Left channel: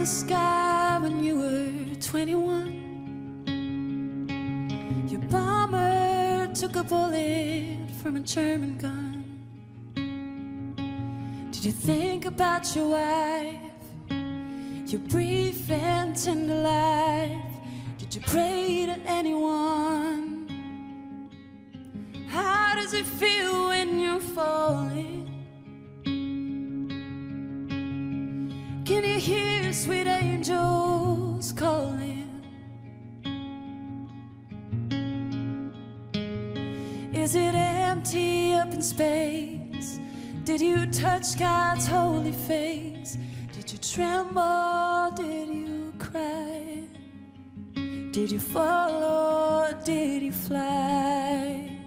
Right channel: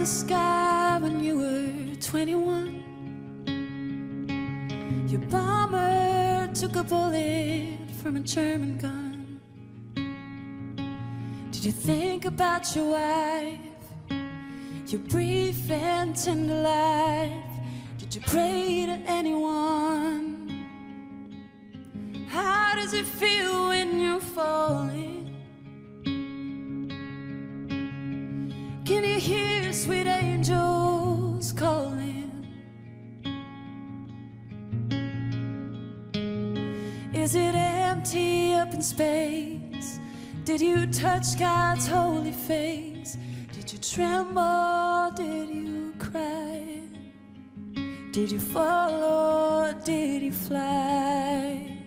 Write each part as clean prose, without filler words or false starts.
the sky when you were 21. Your bomber took a bullet from a German gun. Did you think about your wife, your brief and tender life? Did you pray to anyone? How does it feel when you're falling? Can you hear sweet angels calling? Is it empty up in space? Did you touch God's holy face? Did you tremble? Did you cry? Did you fall or did you fly?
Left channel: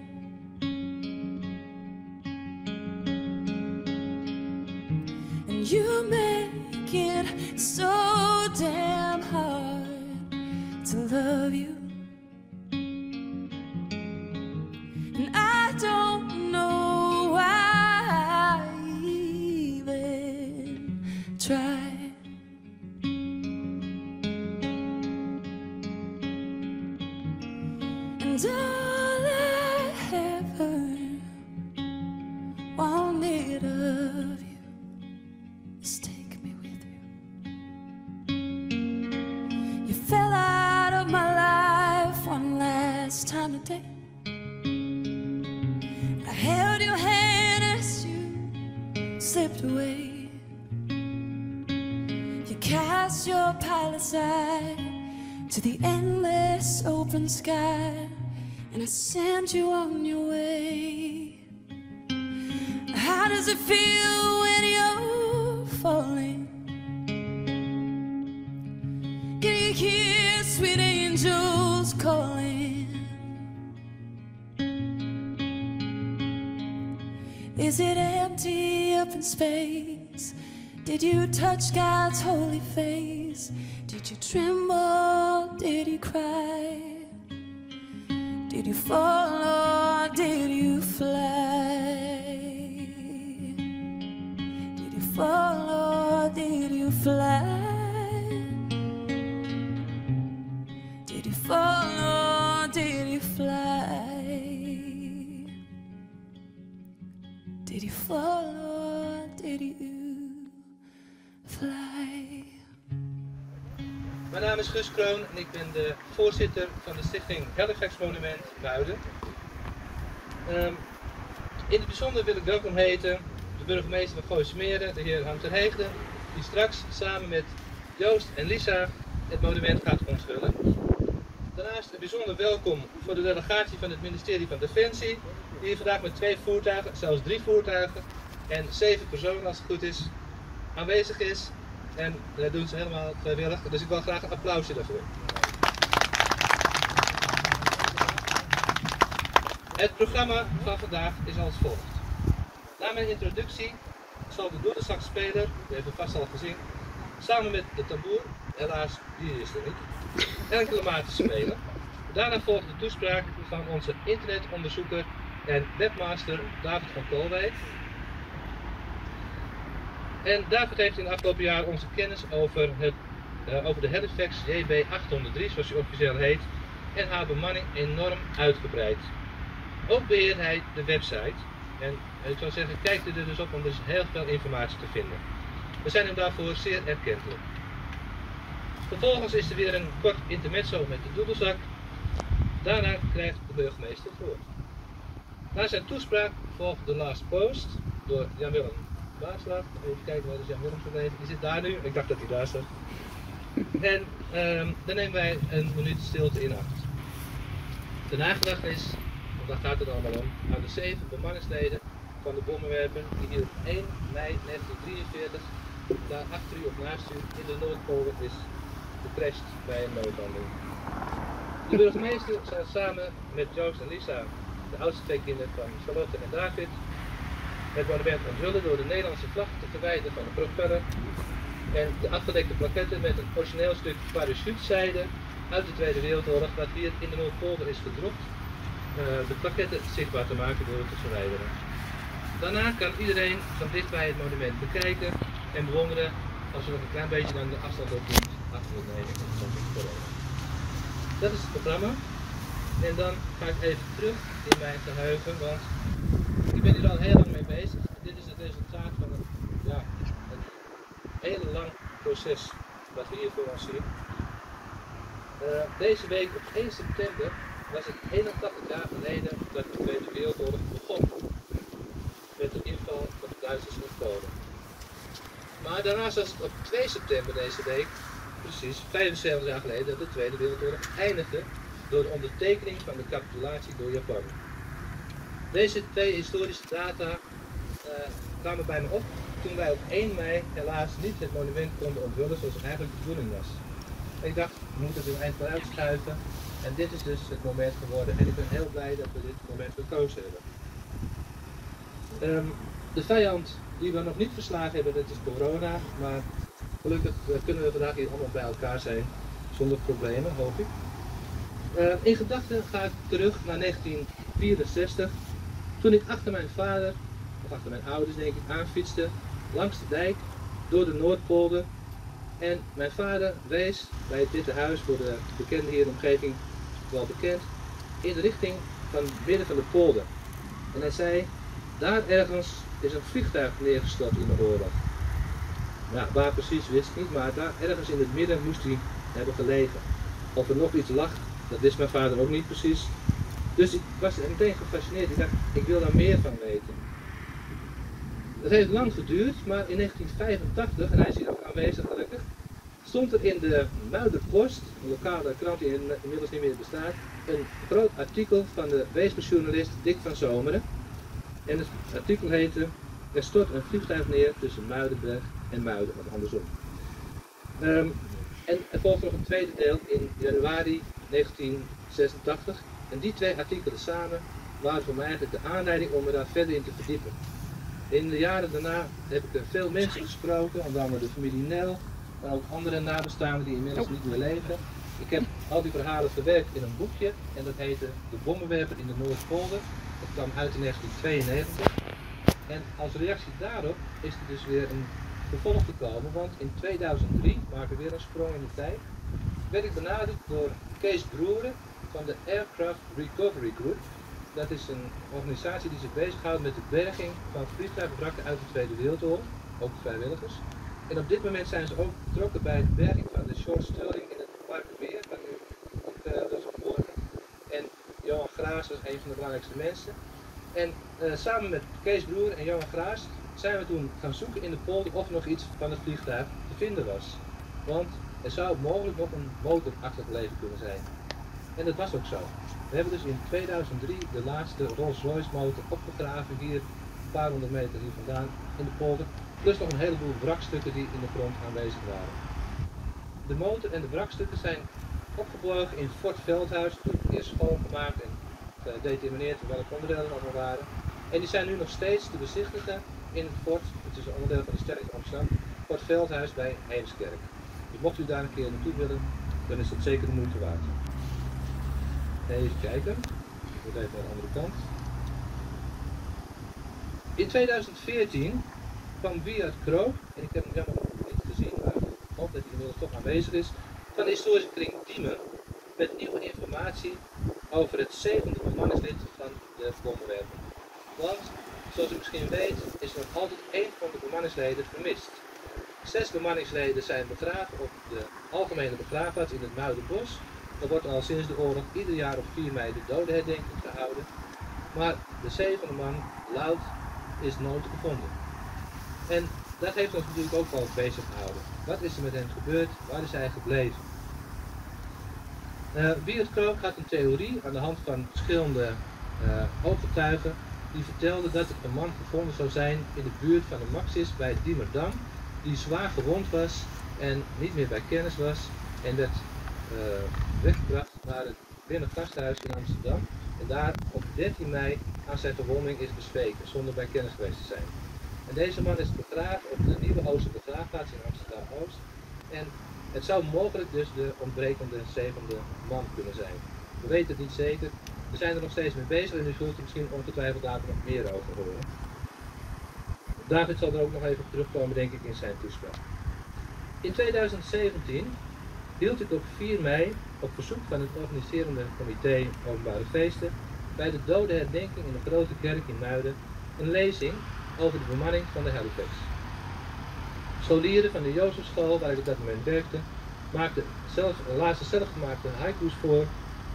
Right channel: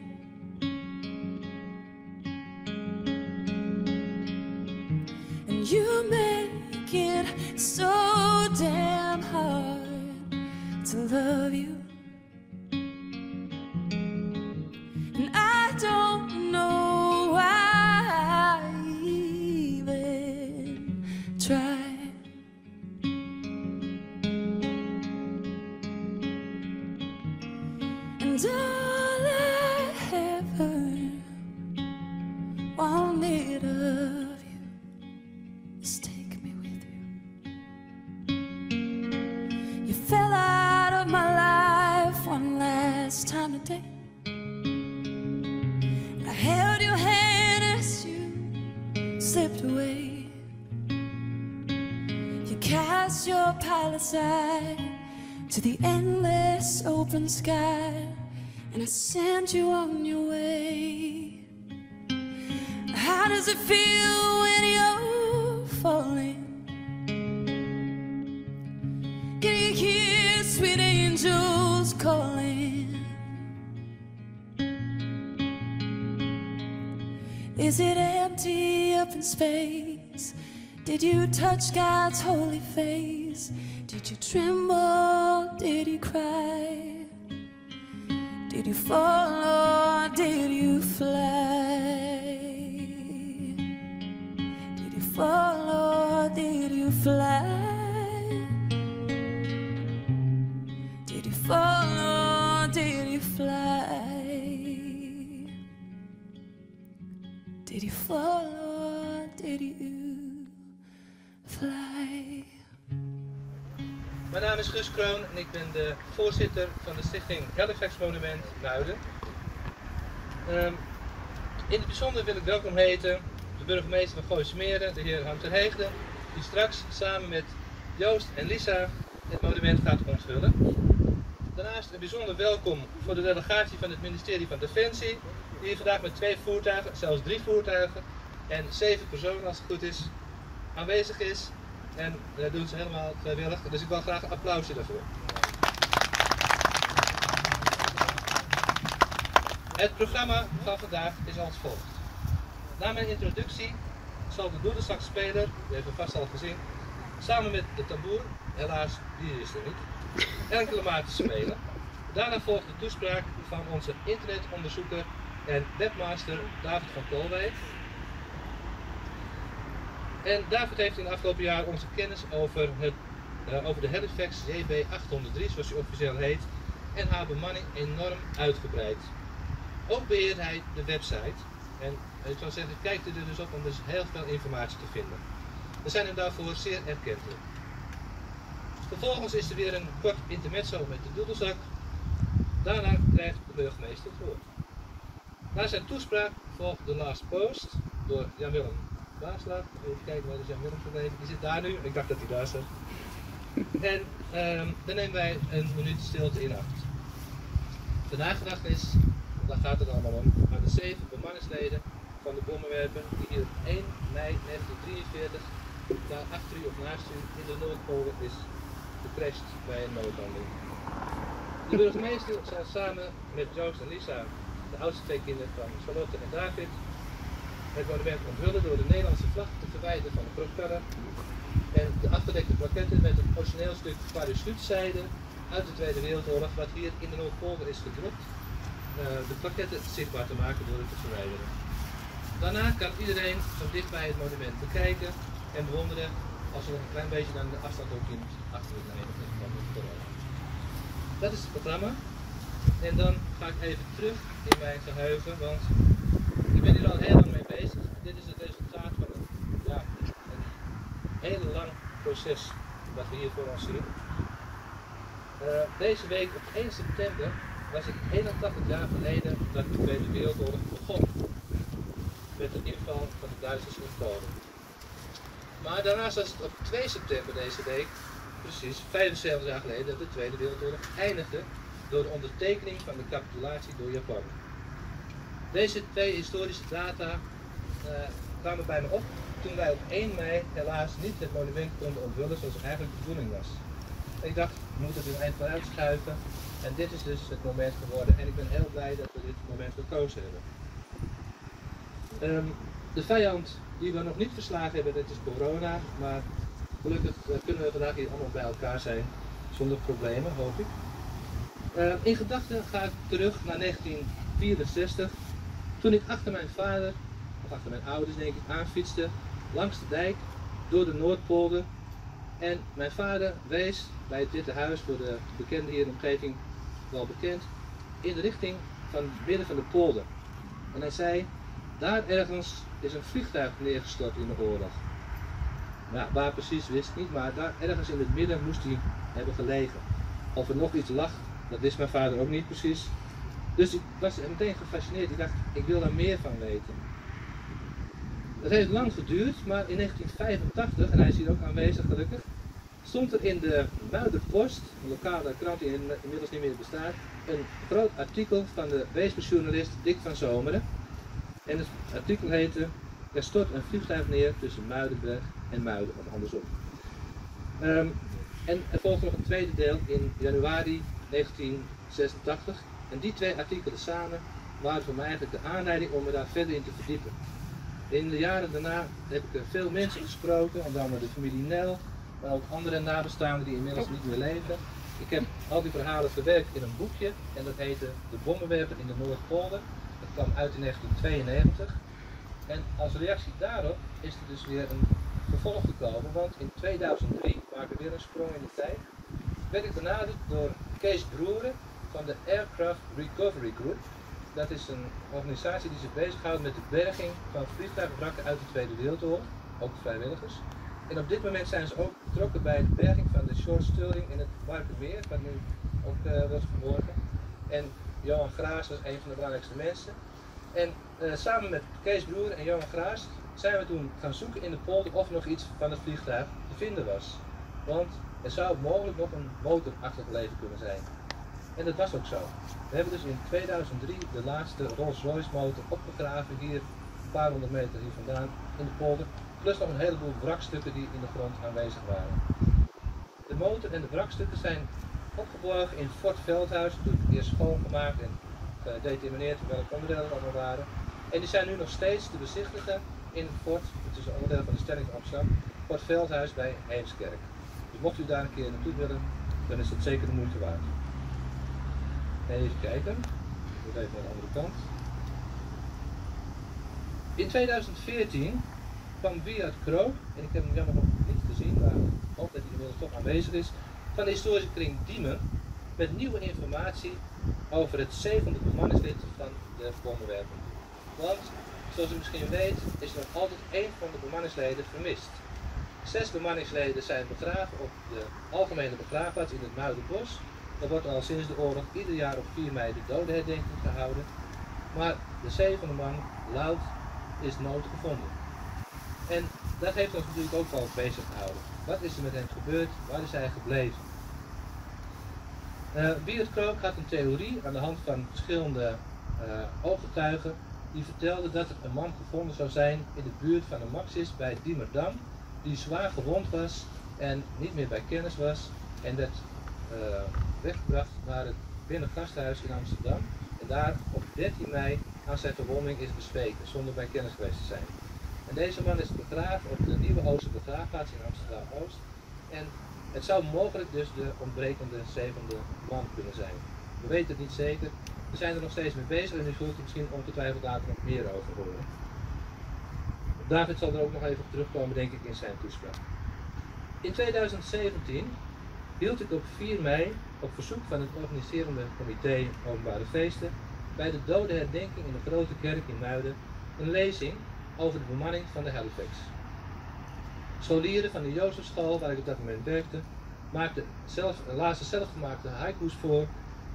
And you make it so damn hard to love you. And I don't know why I even try. And all I ever wanted of you is take me with you. You fell out of my life one last time today. I held your hand as you slipped away. You cast your pale aside to the endless open sky, and I sent you on your way. How does it feel when you're falling? Can you hear sweet angels calling? Is it empty up in space? Did you touch God's holy face? Did you tremble? Did you cry? Did you fall or did you fly? Did you fall or did you fly? Did you fall or did you fly? Did you fall or did you fly? Mijn naam is Guus Kroon en ik ben de voorzitter van de stichting Halifax Monument Muiden. In het bijzonder wil ik welkom heten de burgemeester van Gooismeren, de heer Han ter Heegden, die straks samen met Joost en Lisa het monument gaat onthullen. Daarnaast een bijzonder welkom voor de delegatie van het ministerie van Defensie, die hier vandaag met 2 voertuigen, zelfs 3 voertuigen en 7 personen als het goed is, aanwezig is. En dat doen ze helemaal vrijwillig, dus ik wil graag een applausje daarvoor. Het programma van vandaag is als volgt. Na mijn introductie zal de doedelzakspeler, die hebben we vast al gezien, samen met de tamboer, helaas die is er niet, enkele maten spelen. Daarna volgt de toespraak van onze internetonderzoeker en webmaster David van Koolwijk. En David heeft in het afgelopen jaar onze kennis over de Halifax JB803, zoals hij officieel heet, en haar bemanning enorm uitgebreid. Ook beheert hij de website. En ik zou zeggen, kijk er dus op, om dus heel veel informatie te vinden. We zijn hem daarvoor zeer erkentelijk. Vervolgens is er weer een kort intermezzo met de doedelzak. Daarna krijgt de burgemeester het woord. Na zijn toespraak volgt de last post door Jan-Willem Baarslag. Even kijken, waar is Jan-Willem gebleven? Die zit daar nu. Ik dacht dat hij daar staat. En dan nemen wij een minuut stilte in acht. De nagedachtenis, daar gaat het allemaal om, aan de 7 bemanningsleden van de bommenwerper die hier op 1 mei 1943 daar achter u of naast u in de Noordpolen is gecrashed bij een noodlanding. De burgemeester zal samen met Joost en Lisa, de oudste 2 kinderen van Charlotte en David, het monument onthullen door de Nederlandse vlag te verwijderen van de propeller en de achterlikte plaketten met een origineel stuk parachutezijde uit de Tweede Wereldoorlog dat hier in de Noordpolder is gedrukt, de plaketten zichtbaar te maken door het te verwijderen. Daarna kan iedereen van dichtbij het monument bekijken en bewonderen als je nog een klein beetje aan de afstand op doet, achter het nemen. Dat is het programma. En dan ga ik even terug in mijn geheugen, want ik ben hier al heel lang mee bezig. Dit is het resultaat van een heel lang proces dat we hier voor ons zien. Deze week op 1 september was ik 81 jaar geleden dat de Tweede Wereldoorlog begon. Met de inval van de Duitsers in Polen. Maar daarnaast was het op 2 september deze week, precies 75 jaar geleden, dat de Tweede Wereldoorlog eindigde door de ondertekening van de capitulatie door Japan. Deze twee historische data kwamen bij me op toen wij op 1 mei helaas niet het monument konden onthullen zoals eigenlijk de bedoeling was. Ik dacht, we moeten er een eind vooruit schuiven en dit is dus het moment geworden. En ik ben heel blij dat we dit moment gekozen hebben. De vijand die we nog niet verslagen hebben, dat is corona, maar gelukkig kunnen we vandaag hier allemaal bij elkaar zijn zonder problemen, hoop ik. In gedachten ga ik terug naar 1964, toen ik achter mijn vader, of achter mijn ouders denk ik, aanfietste langs de dijk door de Noordpolder. En mijn vader wees bij het Witte Huis, voor de bekenden hier in de omgeving wel bekend, in de richting van midden van de polder. En hij zei, daar ergens is een vliegtuig neergestort in de oorlog. Nou, waar precies wist ik niet, maar daar ergens in het midden moest hij hebben gelegen. Of er nog iets lag, dat wist mijn vader ook niet precies. Dus ik was meteen gefascineerd. Ik dacht, ik wil daar meer van weten. Dat heeft lang geduurd, maar in 1985, en hij is hier ook aanwezig gelukkig, stond er in de Muiderpost, een lokale krant die inmiddels niet meer bestaat, een groot artikel van de weespersjournalist Dick van Zomeren. En het artikel heette, er stort een vliegtuig neer tussen Muidenberg en Muiden, of andersom. En er volgde nog een tweede deel in januari 1986. En die twee artikelen samen waren voor mij eigenlijk de aanleiding om me daar verder in te verdiepen. In de jaren daarna heb ik er veel mensen gesproken, onder andere de familie Nel, maar ook andere nabestaanden die inmiddels niet meer leven. Ik heb al die verhalen verwerkt in een boekje en dat heette De Bommenwerper in de Noordpolder. Dat kwam uit in 1992. En als reactie daarop is er dus weer een vervolg gekomen, want in 2003, we maken weer een sprong in de tijd, werd ik benaderd door Kees Broeren van de Aircraft Recovery Group. Dat is een organisatie die zich bezighoudt met de berging van vliegtuigwrakken uit de Tweede Wereldoorlog, ook vrijwilligers. En op dit moment zijn ze ook betrokken bij de berging van de Short Sterling in het Warkenmeer, waar nu ook was geborgen. En Johan Graas was een van de belangrijkste mensen. En samen met Kees Broer en Johan Graas zijn we toen gaan zoeken in de polder of nog iets van het vliegtuig te vinden was. Want er zou mogelijk nog een motor achtergebleven kunnen zijn. En dat was ook zo. We hebben dus in 2003 de laatste Rolls-Royce motor opgegraven, hier een paar honderd meter hier vandaan in de polder. Plus nog een heleboel wrakstukken die in de grond aanwezig waren. De motor en de wrakstukken zijn opgeborgen in Fort Veldhuis, toen eerst schoongemaakt en gedetermineerd welke onderdelen er allemaal waren. En die zijn nu nog steeds te bezichtigen in Fort, het is een onderdeel van de stelling van Amsterdam, Fort Veldhuis bij Heemskerk. Dus mocht u daar een keer naartoe willen, dan is dat zeker de moeite waard. Even kijken, ik even naar de andere kant. In 2014 kwam Wiert Krook, en ik heb hem jammer nog niet gezien, maar ik hoop dat hij inmiddels toch aanwezig is, van de historische kring Diemen, met nieuwe informatie over het 7e bemanningslid van de bommenwerper. Want, zoals u misschien weet, is er nog altijd 1 van de bemanningsleden vermist. 6 bemanningsleden zijn begraven op de algemene begraafplaats in het Muidenbos. Er wordt al sinds de oorlog ieder jaar op 4 mei de dodenherdenking gehouden. Maar de 7e man, Lout, is nooit gevonden. En dat heeft ons natuurlijk ook wel bezig gehouden. Wat is er met hem gebeurd? Waar is hij gebleven? Wiert Krook had een theorie aan de hand van verschillende ooggetuigen die vertelde dat er een man gevonden zou zijn in de buurt van de Maxis bij Diemerdam, die zwaar gewond was en niet meer bij kennis was en dat weggebracht naar het Binnengasthuis in Amsterdam en daar op 13 mei aan zijn verwonding is bezweken zonder bij kennis geweest te zijn. En deze man is begraven op de Nieuwe Oosterbegraafplaats in Amsterdam-Oost en het zou mogelijk dus de ontbrekende 7e man kunnen zijn. We weten het niet zeker. We zijn er nog steeds mee bezig en u zult er misschien ongetwijfeld later nog meer over horen. David zal er ook nog even op terugkomen, denk ik, in zijn toespraak. In 2017 hield ik op 4 mei op verzoek van het organiserende comité Openbare Feesten bij de dodenherdenking in de Grote Kerk in Muiden een lezing over de bemanning van de Halifax. Scholieren van de Jozefschool, waar ik op dat moment werkte, lazen zelfgemaakte haiku's voor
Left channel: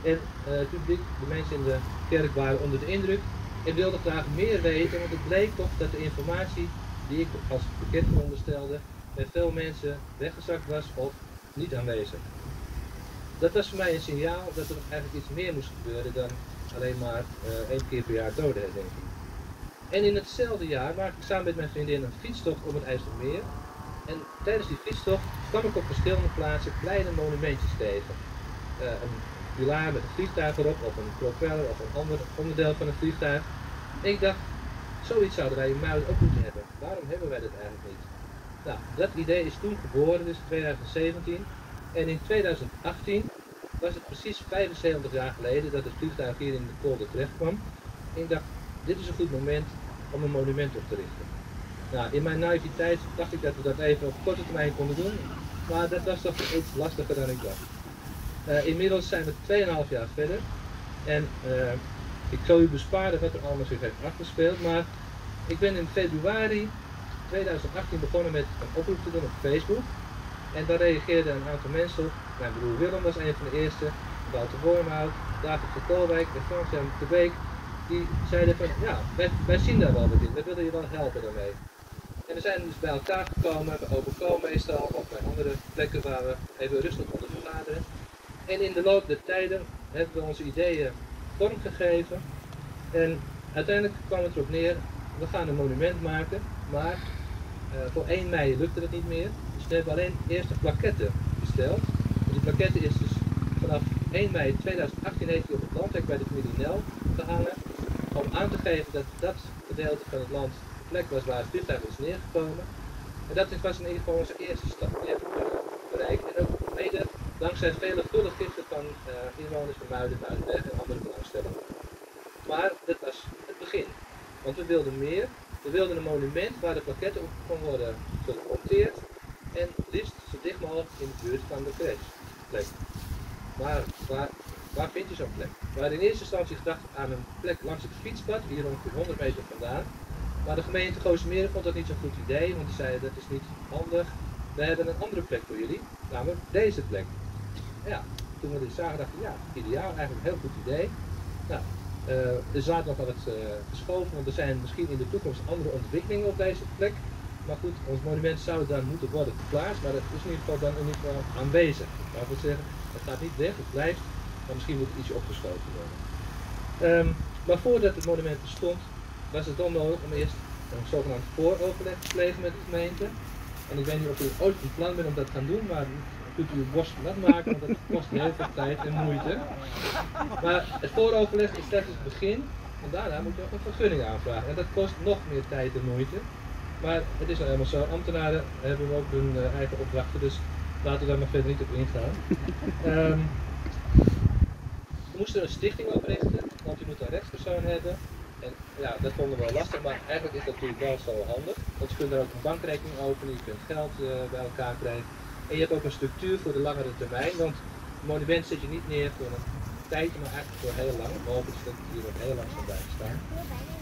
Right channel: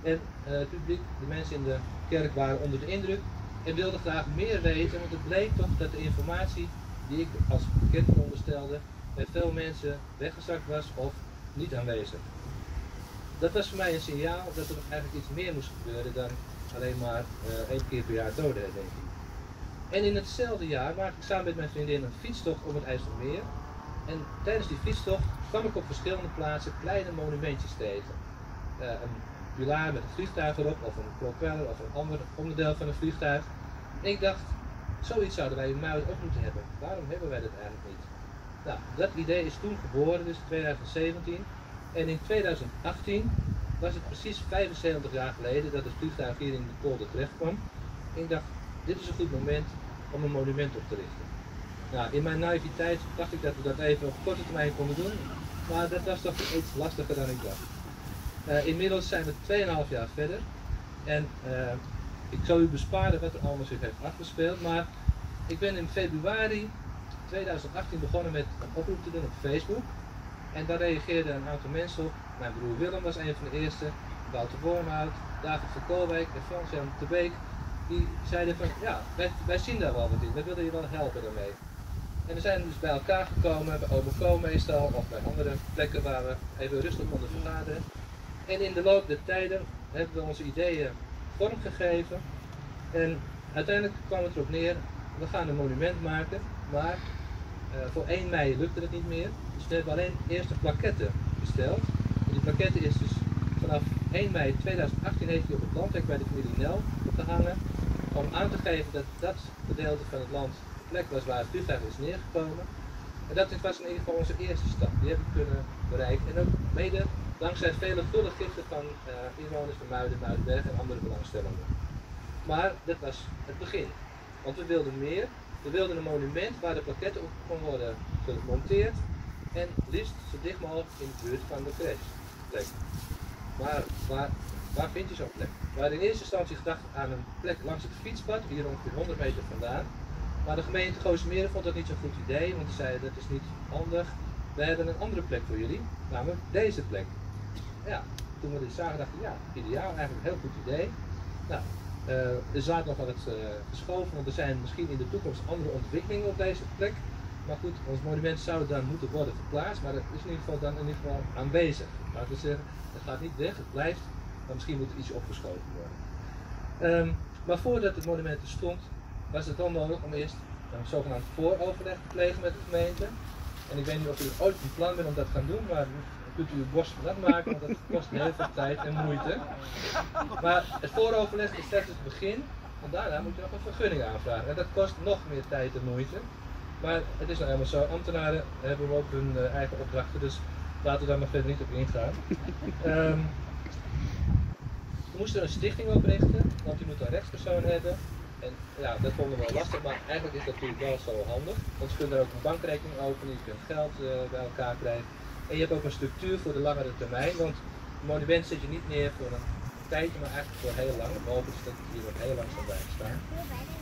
en het publiek, de mensen in de kerk, waren onder de indruk en wilden graag meer weten, want het bleek toch dat de informatie die ik als bekend onderstelde bij veel mensen weggezakt was of niet aanwezig. Dat was voor mij een signaal dat er eigenlijk iets meer moest gebeuren dan alleen maar 1 keer per jaar dodenherdenking. En in hetzelfde jaar maakte ik samen met mijn vriendin een fietstocht om het IJsselmeer. En tijdens die fietstocht kwam ik op verschillende plaatsen kleine monumentjes tegen. Een pilaar met een vliegtuig erop, of een propeller, of een ander onderdeel van een vliegtuig. En ik dacht, zoiets zouden wij in Muiden ook moeten hebben. Waarom hebben wij dat eigenlijk niet? Nou, dat idee is toen geboren, dus 2017. En in 2018 was het precies 75 jaar geleden dat het vliegtuig hier in de polder terecht kwam. En ik dacht, dit is een goed moment om een monument op te richten. Nou, in mijn naïviteit dacht ik dat we dat even op korte termijn konden doen, maar dat was toch iets lastiger dan ik dacht. Inmiddels zijn we 2,5 jaar verder en ik zal u besparen wat er allemaal zich heeft afgespeeld, maar ik ben in februari 2018 begonnen met een oproep te doen op Facebook en daar reageerden een aantal mensen op. Mijn broer Willem was een van de eerste, Wouter Wormhout, David van Koolwijk en Frans-Jan de Beek. Die zeiden van, ja, wij zien daar wel wat in, wij willen je wel helpen daarmee. En we zijn dus bij elkaar gekomen, bij Overflow meestal, of bij andere plekken waar we even rustig onder vergaderen. En in de loop der tijden hebben we onze ideeën vormgegeven. En uiteindelijk kwam het erop neer, we gaan een monument maken, maar voor 1 mei lukte het niet meer. Dus we hebben alleen eerst de plaquette besteld. En die plaquette is dus vanaf 1 mei 2018 heeft die op het landhek bij de familie Nel gehangen. Om aan te geven dat dat gedeelte van het land de plek was waar het vliegtuig is neergekomen. En dat was in ieder geval onze eerste stap. Die hebben we kunnen bereiken. En ook mede dankzij vele gulle giften van inwoners van Muiden, Muidenberg en andere belangstellenden. Maar dat was het begin. Want we wilden meer. We wilden een monument waar de plaquette op kon worden gemonteerd. En liefst zo dicht mogelijk in de buurt van de plek. Maar waar vind je zo'n plek? We hadden in eerste instantie gedacht aan een plek langs het fietspad, hier ongeveer 100 meter vandaan. Maar de gemeente Goosemeeren vond dat niet zo'n goed idee, want die zei dat is niet handig. We hebben een andere plek voor jullie, namelijk deze plek. Ja, toen we dit zagen dachten we, ja, ideaal, eigenlijk een heel goed idee. Nou, er zaten nog wat geschoven, want er zijn misschien in de toekomst andere ontwikkelingen op deze plek. Maar goed, ons monument zou dan moeten worden geplaatst, maar dat is in ieder geval dan in ieder geval aanwezig. Laten we zeggen, het gaat niet weg, het blijft, maar misschien moet het ietsje opgeschoven worden. Maar voordat het monument er stond, was het dan nodig om eerst een zogenaamd vooroverleg te plegen met de gemeente. En ik weet niet of u het ooit van plan bent om dat te gaan doen, maar kunt u uw borst nat maken, want dat kost heel veel tijd en moeite. Maar het vooroverleg is slechts het begin, en daarna moet je nog een vergunning aanvragen. En dat kost nog meer tijd en moeite. Maar het is nou helemaal zo, ambtenaren hebben ook hun eigen opdrachten, dus laten we daar maar verder niet op ingaan. We moesten een stichting oprichten, want u moet een rechtspersoon hebben. En ja, dat vonden we wel lastig, maar eigenlijk is dat natuurlijk wel zo handig. Want je kunt er ook een bankrekening openen, je kunt geld bij elkaar krijgen. En je hebt ook een structuur voor de langere termijn, want het monument zet je niet neer voor een tijdje, maar eigenlijk voor heel lang. Behalve dat het hier ook heel lang zal blijven staan.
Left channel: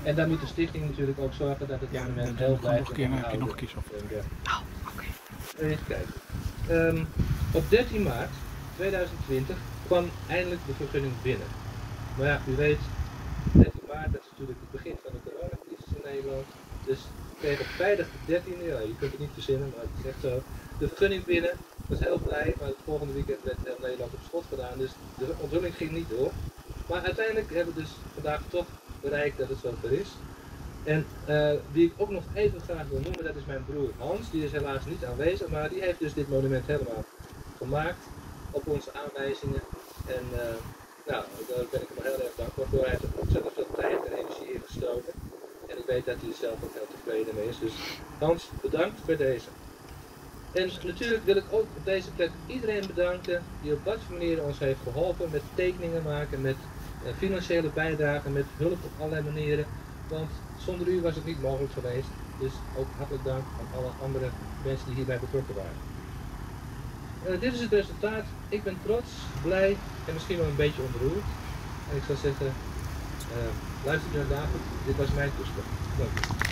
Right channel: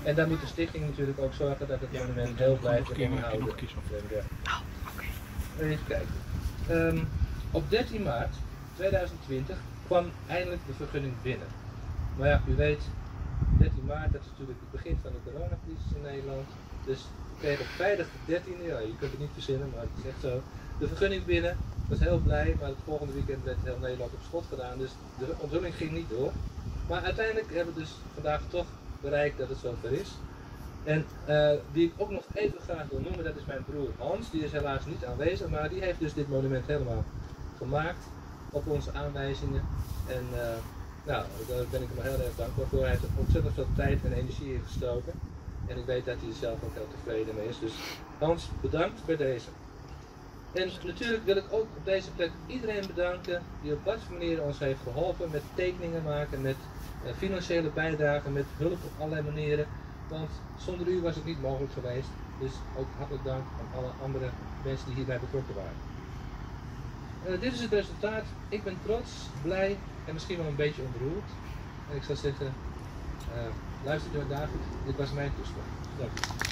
En dan moet de stichting natuurlijk ook zorgen dat het monument heel blijft onderhouden. Even kijken. Op 13 maart 2020 kwam eindelijk de vergunning binnen. Maar ja, u weet, 13 maart, dat is natuurlijk het begin van de coronacrisis in Nederland. Dus we kregen op vrijdag de 13e, ja, je kunt het niet verzinnen, maar het is echt zo, de vergunning binnen. Ik was heel blij, maar het volgende weekend werd heel Nederland op schot gedaan, dus de onthulling ging niet door. Maar uiteindelijk hebben we dus vandaag toch bereikt dat het zover is. En die ik ook nog even graag wil noemen, dat is mijn broer Hans. Die is helaas niet aanwezig, maar die heeft dus dit monument helemaal gemaakt op onze aanwijzingen. En nou, daar ben ik hem heel erg dankbaar voor. Hij heeft er ontzettend veel tijd en energie in gestoken. En ik weet dat hij er zelf ook heel tevreden mee is. Dus Hans, bedankt bij deze. En natuurlijk wil ik ook op deze plek iedereen bedanken die op wat voor manier ons heeft geholpen met tekeningen maken, met financiële bijdragen, met hulp op allerlei manieren. Want zonder u was het niet mogelijk geweest. Dus ook hartelijk dank aan alle andere mensen die hierbij betrokken waren. Dit is het resultaat. Ik ben trots, blij en misschien wel een beetje ontroerd. En ik zou zeggen, luister naar David, dit was mijn toespraak. Dank u.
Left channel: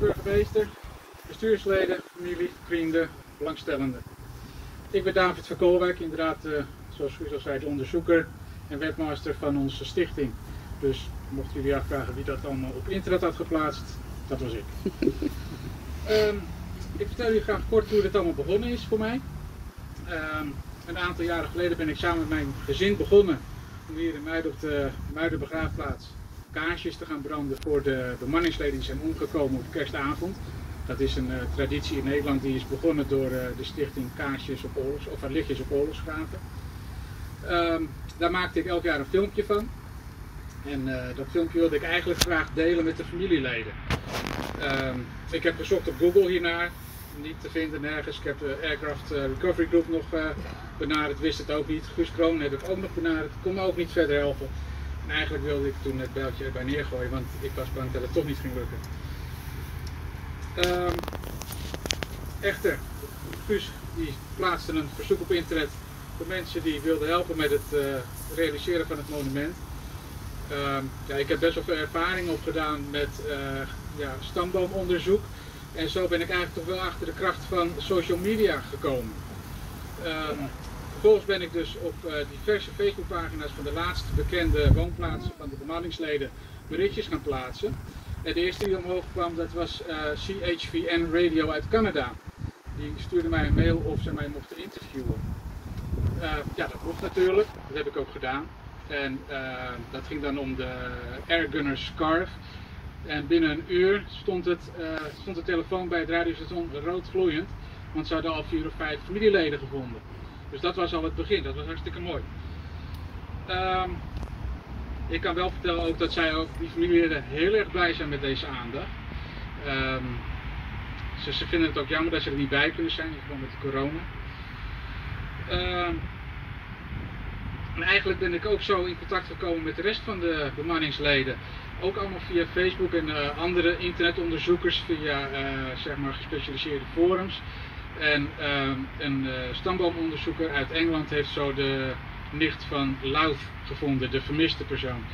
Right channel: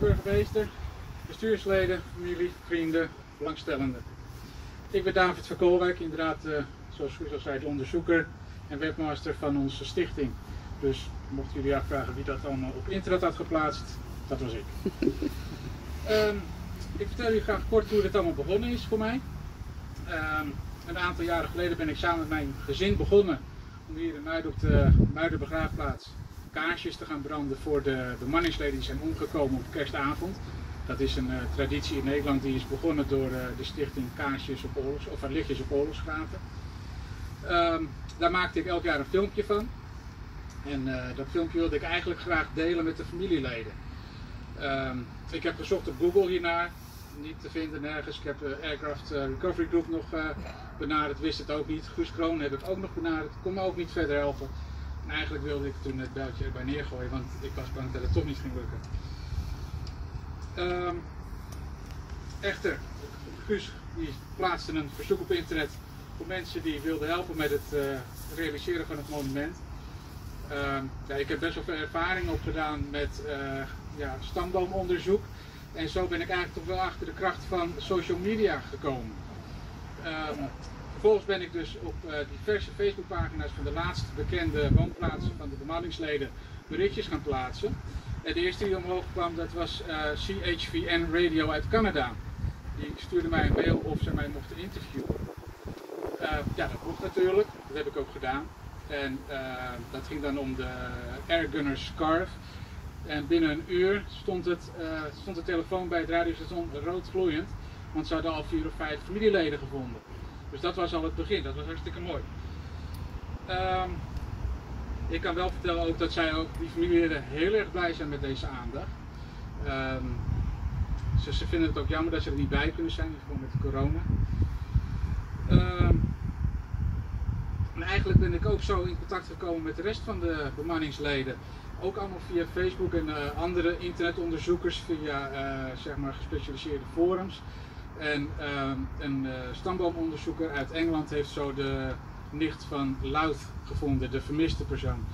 Burgemeester, bestuursleden, familie, vrienden, belangstellenden. Ik ben David van Koolwijk, inderdaad, zoals u al zei, de onderzoeker en webmaster van onze stichting. Dus mochten jullie afvragen wie dat allemaal op internet had geplaatst, dat was ik. Ik vertel jullie graag kort hoe dit allemaal begonnen is voor mij. Een aantal jaren geleden ben ik samen met mijn gezin begonnen om hier in Muiden op de Muidenbegraafplaats kaarsjes te gaan branden voor de bemanningsleden die zijn omgekomen op kerstavond. Dat is een traditie in Nederland die is begonnen door de stichting Kaarsjes op Oorlogs, of Lichtjes op Oorlogsgraven. Daar maakte ik elk jaar een filmpje van. En dat filmpje wilde ik eigenlijk graag delen met de familieleden. Ik heb gezocht op Google hiernaar, niet te vinden nergens. Ik heb de Aircraft Recovery Group nog benaderd, wist het ook niet. Guus Kroon heb ik ook nog benaderd, kon me ook niet verder helpen. En eigenlijk wilde ik toen het bijltje erbij neergooien, want ik was bang dat het toch niet ging lukken. Echter, Guus die plaatste een verzoek op internet voor mensen die wilden helpen met het realiseren van het monument. Ja, ik heb best wel veel ervaring opgedaan met stamboomonderzoek. En zo ben ik eigenlijk toch wel achter de kracht van social media gekomen. Vervolgens ben ik dus op diverse Facebookpagina's van de laatst bekende woonplaatsen van de bemanningsleden berichtjes gaan plaatsen. En de eerste die omhoog kwam, dat was CHVN Radio uit Canada. Die stuurde mij een mail of ze mij mochten interviewen. Ja, dat mocht natuurlijk, dat heb ik ook gedaan. En dat ging dan om de Airgunner Scarf. En binnen een uur stond de telefoon bij het radiostation rood gloeiend, want ze hadden al 4 of 5 familieleden gevonden. Dus dat was al het begin, dat was hartstikke mooi. Ik kan wel vertellen ook dat die familieleden heel erg blij zijn met deze aandacht. Ze vinden het ook jammer dat ze er niet bij kunnen zijn, gewoon met de corona. En eigenlijk ben ik ook zo in contact gekomen met de rest van de bemanningsleden. Ook allemaal via Facebook en andere internetonderzoekers, via zeg maar gespecialiseerde forums. En een stamboomonderzoeker uit Engeland heeft zo de nicht van Louth gevonden, de vermiste persoon.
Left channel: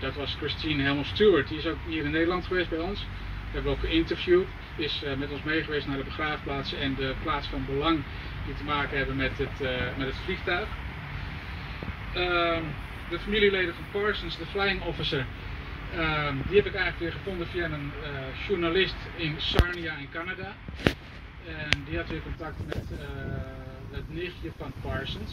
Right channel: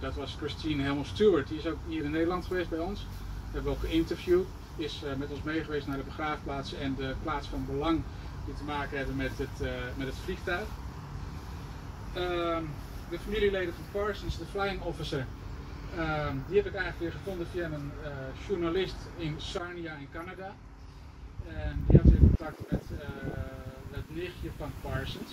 Dat was Christine Helmer Stewart, die is ook hier in Nederland geweest bij ons. We hebben ook geïnterviewd, is met ons meegeweest naar de begraafplaatsen en de plaats van belang die te maken hebben met het vliegtuig. De familieleden van Parsons, de flying officer, Die heb ik eigenlijk weer gevonden via een journalist in Sarnia in Canada. En die had weer contact met het nichtje van Parsons.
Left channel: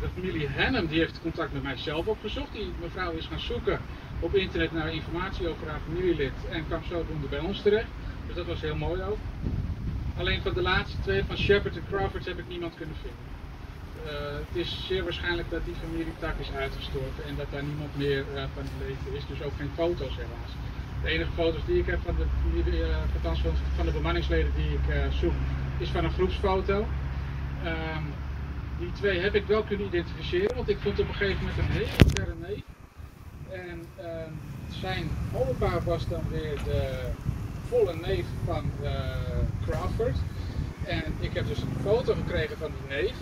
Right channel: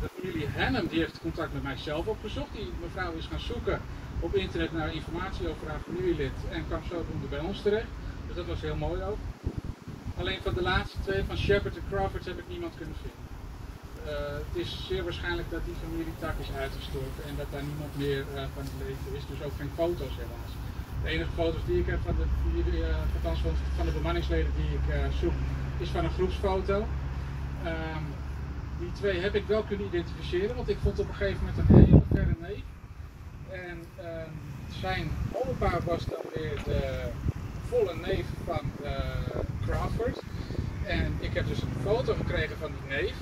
De familie Hannum die heeft contact met mijzelf opgezocht. Die mevrouw is gaan zoeken op internet naar informatie over haar familielid en kwam zodoende bij ons terecht. Dus dat was heel mooi ook. Alleen van de laatste twee, van Shepard en Crawford, heb ik niemand kunnen vinden. Het is zeer waarschijnlijk dat die familietak is uitgestorven en dat daar niemand meer van het leven is. Dus ook geen foto's helaas. De enige foto's die ik heb van van de bemanningsleden die ik zoek, is van een groepsfoto. Die twee heb ik wel kunnen identificeren, want ik vond op een gegeven moment een hele verre neef. En zijn opa was dan weer de volle neef van Crawford. En ik heb dus een foto gekregen van die neef.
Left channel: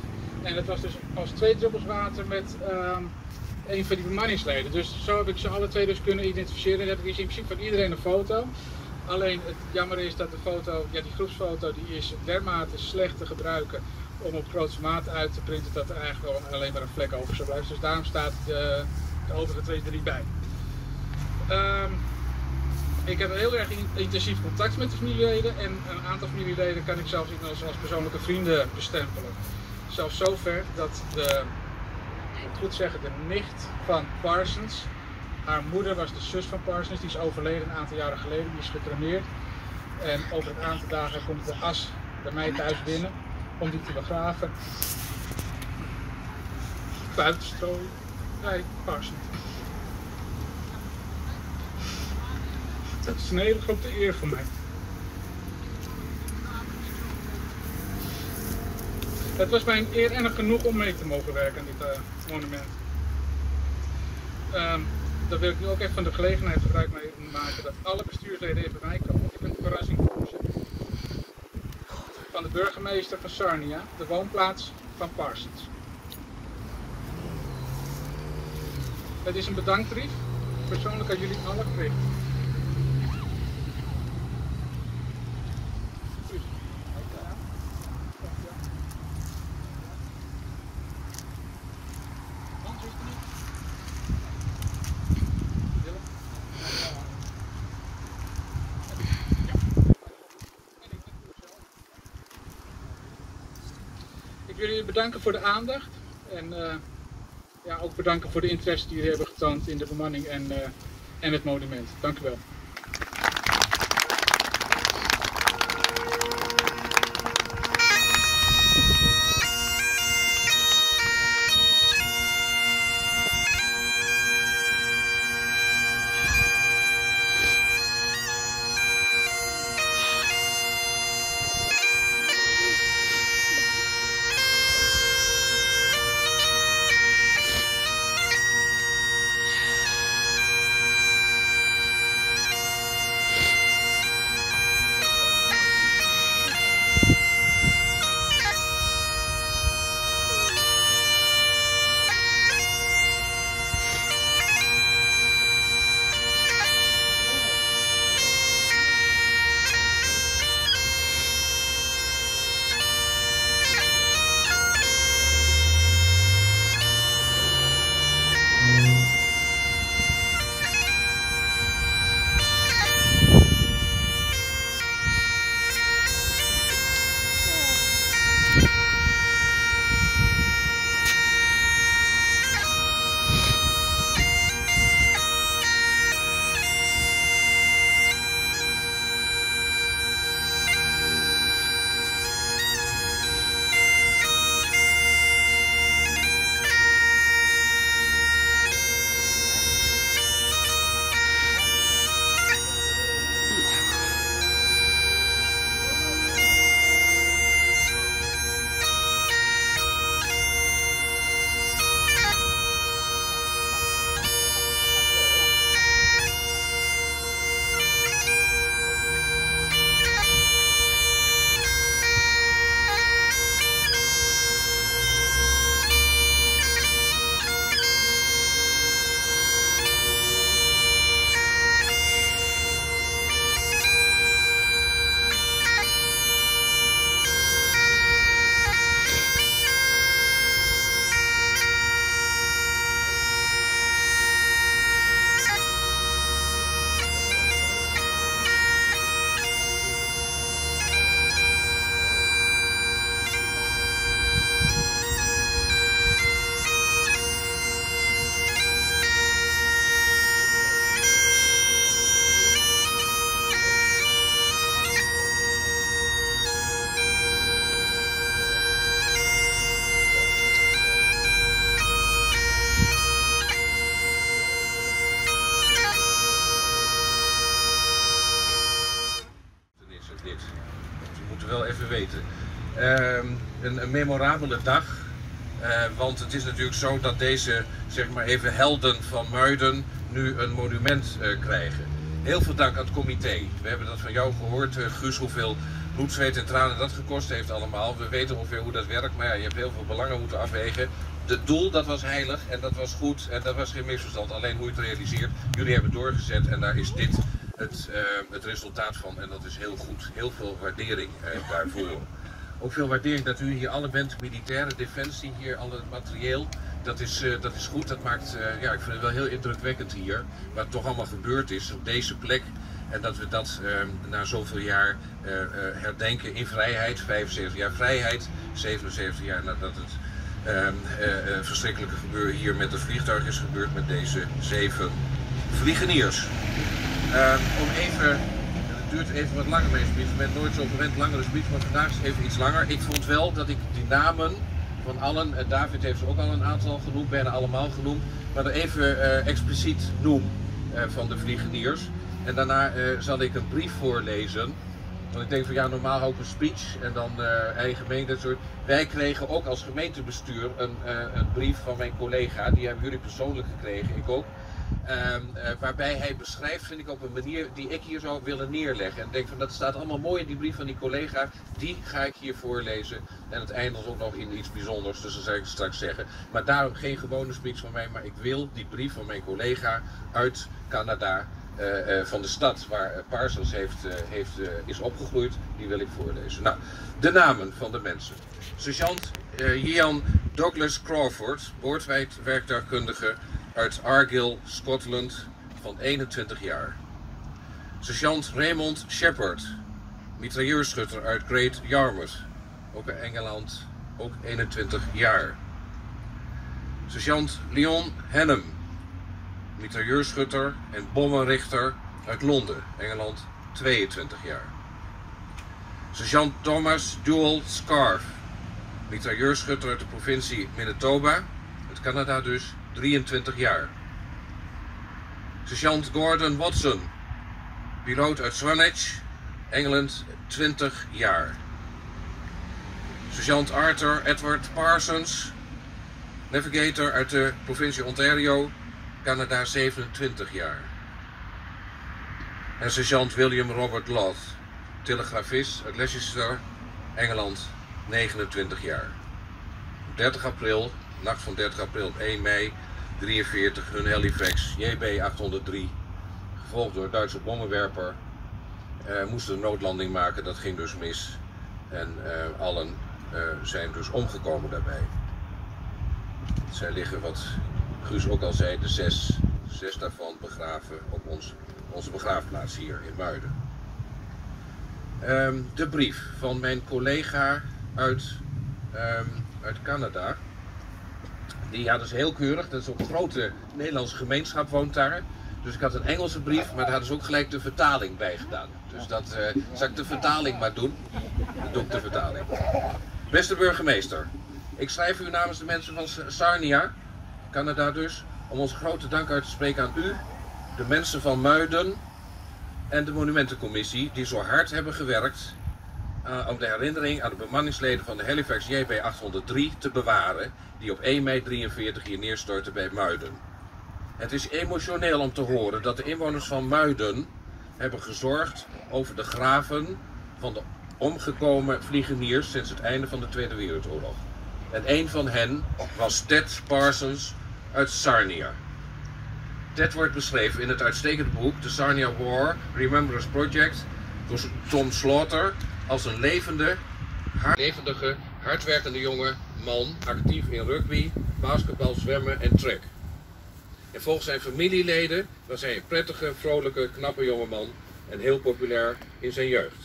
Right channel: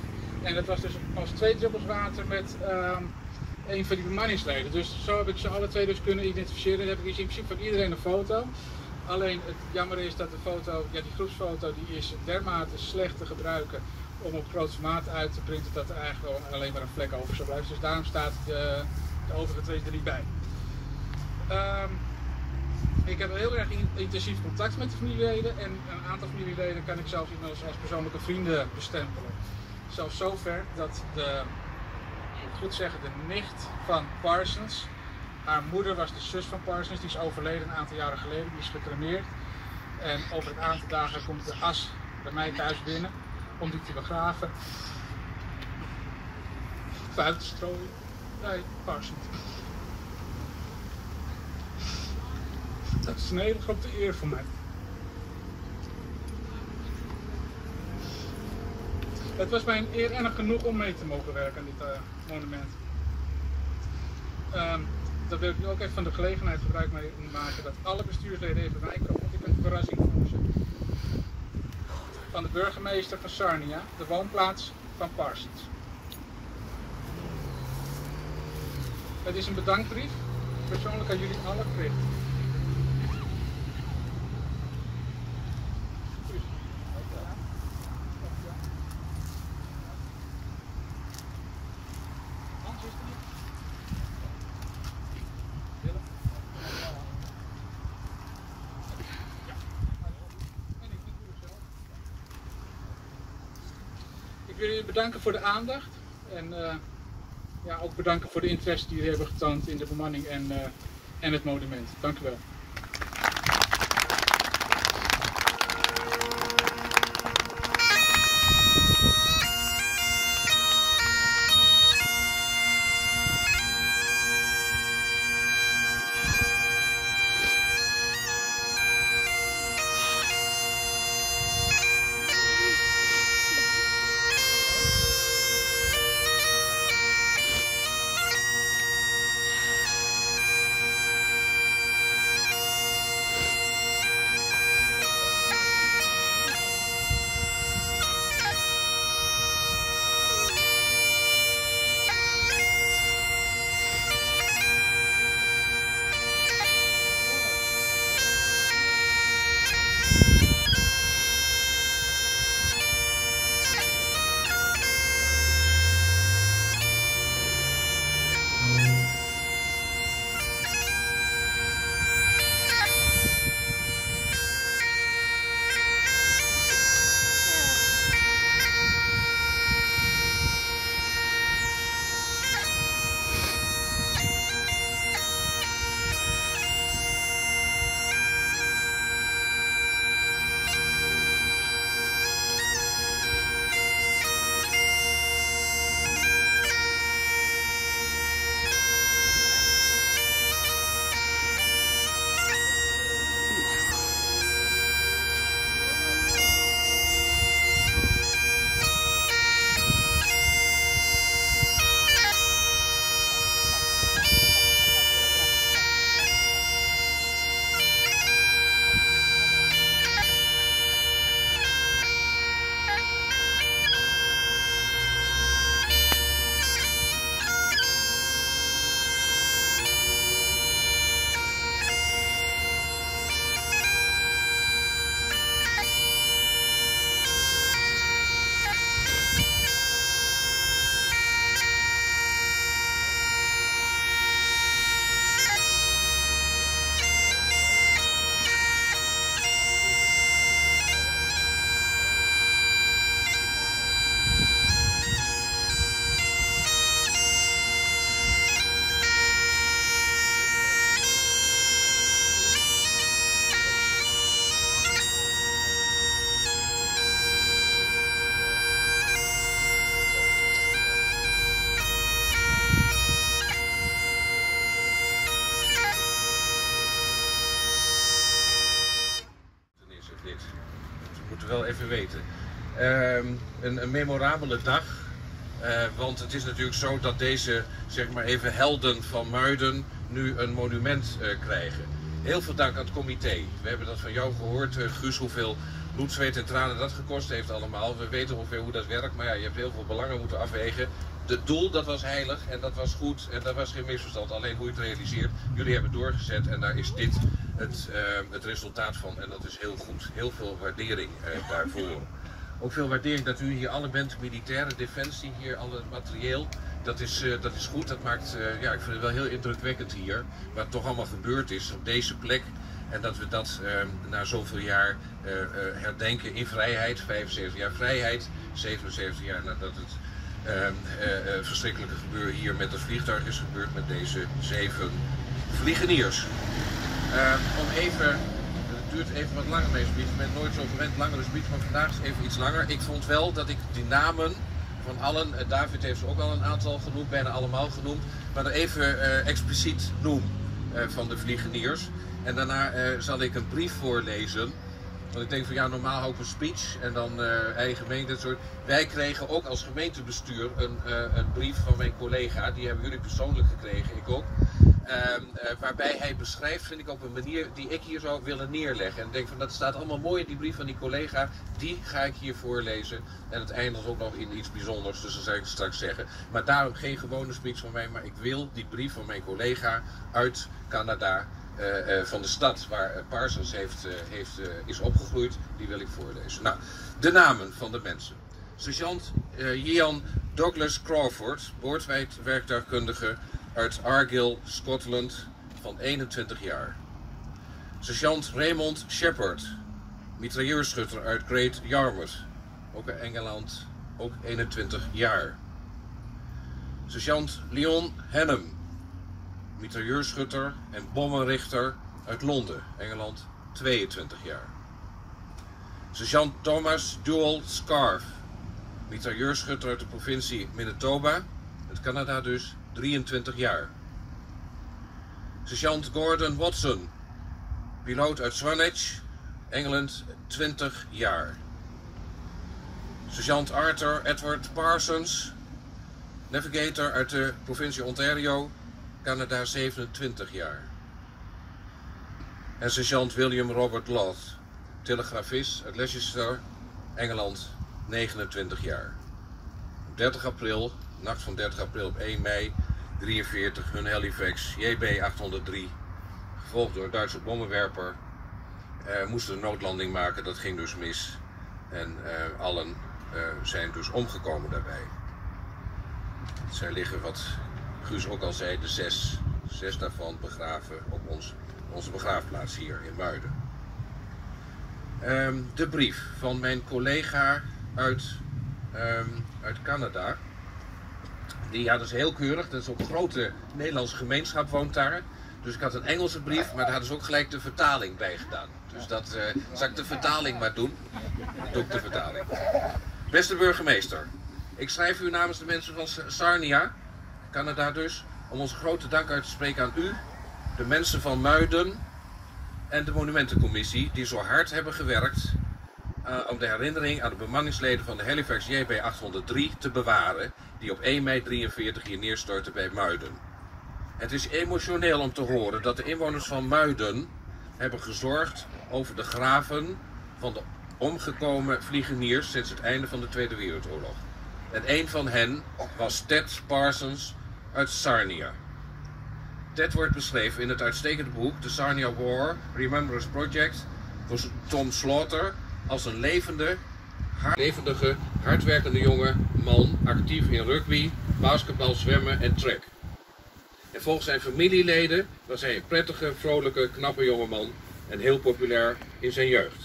En dat was dus als 2 druppels water met een van die bemanningsleden. Dus zo heb ik ze alle twee dus kunnen identificeren. Dan heb ik dus in principe van iedereen een foto. Alleen het jammer is dat de foto, ja, die groepsfoto, die is dermate slecht te gebruiken om op groot formaat uit te printen dat er eigenlijk gewoon alleen maar een vlek over zou blijven. Dus daarom staat de overige twee er niet bij. Ik heb heel erg intensief contact met de familieleden en een aantal familieleden kan ik zelfs als persoonlijke vrienden bestempelen. Zelfs zover dat ik moet goed zeggen, de nicht van Parsons, haar moeder was de zus van Parsons, die is overleden een aantal jaren geleden, die is gecremeerd. En over een aantal dagen komt de as bij mij thuis binnen om die te begraven. Buiten strooien bij Parsons. Dat is een hele grote eer voor mij. Het was mijn eer en genoeg om mee te mogen werken aan dit monument. Daar wil ik nu ook even van de gelegenheid gebruik mee maken dat alle bestuursleden even bij komen. Want ik heb een verrassing voor ze. Van de burgemeester van Sarnia, de woonplaats van Parsons. Het is een bedankbrief, persoonlijk aan jullie allen gericht. Ik wil jullie bedanken voor de aandacht en ook bedanken voor de interesse die jullie hebben getoond in de bemanning en het monument. Dank u wel. even weten. Een memorabele dag. Want het is natuurlijk zo dat deze, zeg maar even, helden van Muiden nu een monument krijgen. Heel veel dank aan het comité. We hebben dat van jou gehoord, Guus, hoeveel bloed, zweet en tranen dat gekost heeft allemaal. We weten ongeveer hoe dat werkt, maar ja, je hebt heel veel belangen moeten afwegen. Het doel, dat was heilig en dat was goed en dat was geen misverstand. Alleen hoe je het realiseert, jullie hebben doorgezet en daar is dit het resultaat van. En dat is heel goed. Heel veel waardering daarvoor. Ook veel waardering dat u hier alle bent, militaire defensie, hier al het materieel. Dat is goed, dat maakt, ja, ik vind het wel heel indrukwekkend hier. Wat toch allemaal gebeurd is op deze plek. En dat we dat na zoveel jaar herdenken in vrijheid. 75 jaar vrijheid, 77 jaar nadat het verschrikkelijke gebeuren hier met het vliegtuig is gebeurd met deze 7 vliegeniers. Om even, het duurt even wat langer deze brief, ik ben nooit zo gewend langer dus brief, maar vandaag is even iets langer. Ik vond wel dat ik die namen van allen, David heeft ze ook al een aantal genoemd, bijna allemaal genoemd, maar er even expliciet noem van de vliegeniers. En daarna zal ik een brief voorlezen. Want ik denk van ja, normaal hou ik een speech en dan eigen gemeente. Soort. Wij kregen ook als gemeentebestuur een brief van mijn collega. Die hebben jullie persoonlijk gekregen, ik ook. Waarbij hij beschrijft, vind ik op een manier die ik hier zou willen neerleggen. En ik denk van dat staat allemaal mooi in die brief van die collega. Die ga ik hier voorlezen. En het eindigt ook nog in iets bijzonders, dus dat zal ik straks zeggen. Maar daarom geen gewone speech van mij, maar ik wil die brief van mijn collega uit Canada. Van de stad waar Parsons is opgegroeid, die wil ik voorlezen. Nou, de namen van de mensen. Sergeant Ian Douglas Crawford, boordwerktuigkundige uit Argyll, Scotland, van 21 jaar. Sergeant Raymond Shepard, mitrailleurschutter uit Great Yarmouth, ook in Engeland, ook 21 jaar. Sergeant Leon Hannum, mitrailleurschutter en bommenrichter uit Londen, Engeland, 22 jaar. Sergeant Thomas Joel Scarf, mitrailleurschutter uit de provincie Manitoba, uit Canada dus, 23 jaar. Sergeant Gordon Watson, piloot uit Swanage, Engeland, 20 jaar. Sergeant Arthur Edward Parsons, navigator uit de provincie Ontario, Canada, 27 jaar. En sergeant William Robert Loth, telegrafist uit Leicester, Engeland, 29 jaar. Op 30 april, nacht van 30 april op 1 mei 43, hun Halifax JB 803, gevolgd door een Duitse bommenwerper, moesten een noodlanding maken, dat ging dus mis. En allen zijn dus omgekomen daarbij. Zij liggen, wat Guus ook al zei, de zes daarvan begraven op onze begraafplaats hier in Muiden. De brief van mijn collega uit Canada. Dat is heel keurig, dat is ook een grote Nederlandse gemeenschap woont daar. Dus ik had een Engelse brief, maar daar hadden ze ook gelijk de vertaling bij gedaan. Dus dat zal ik de vertaling maar doen. Dan doe ik de vertaling. Beste burgemeester, ik schrijf u namens de mensen van Sarnia, Canada dus, om onze grote dank uit te spreken aan u, de mensen van Muiden en de Monumentencommissie die zo hard hebben gewerkt om de herinnering aan de bemanningsleden van de Halifax JB 803 te bewaren, die op 1 mei 43 hier neerstortten bij Muiden. Het is emotioneel om te horen dat de inwoners van Muiden hebben gezorgd over de graven van de omgekomen vliegeniers sinds het einde van de Tweede Wereldoorlog. En een van hen was Ted Parsons uit Sarnia. Ted wordt beschreven in het uitstekende boek The Sarnia War Remembrance Project door Tom Slaughter als een levendige, hardwerkende jonge man, actief in rugby, basketbal, zwemmen en track. En volgens zijn familieleden was hij een prettige, vrolijke, knappe jongeman en heel populair in zijn jeugd.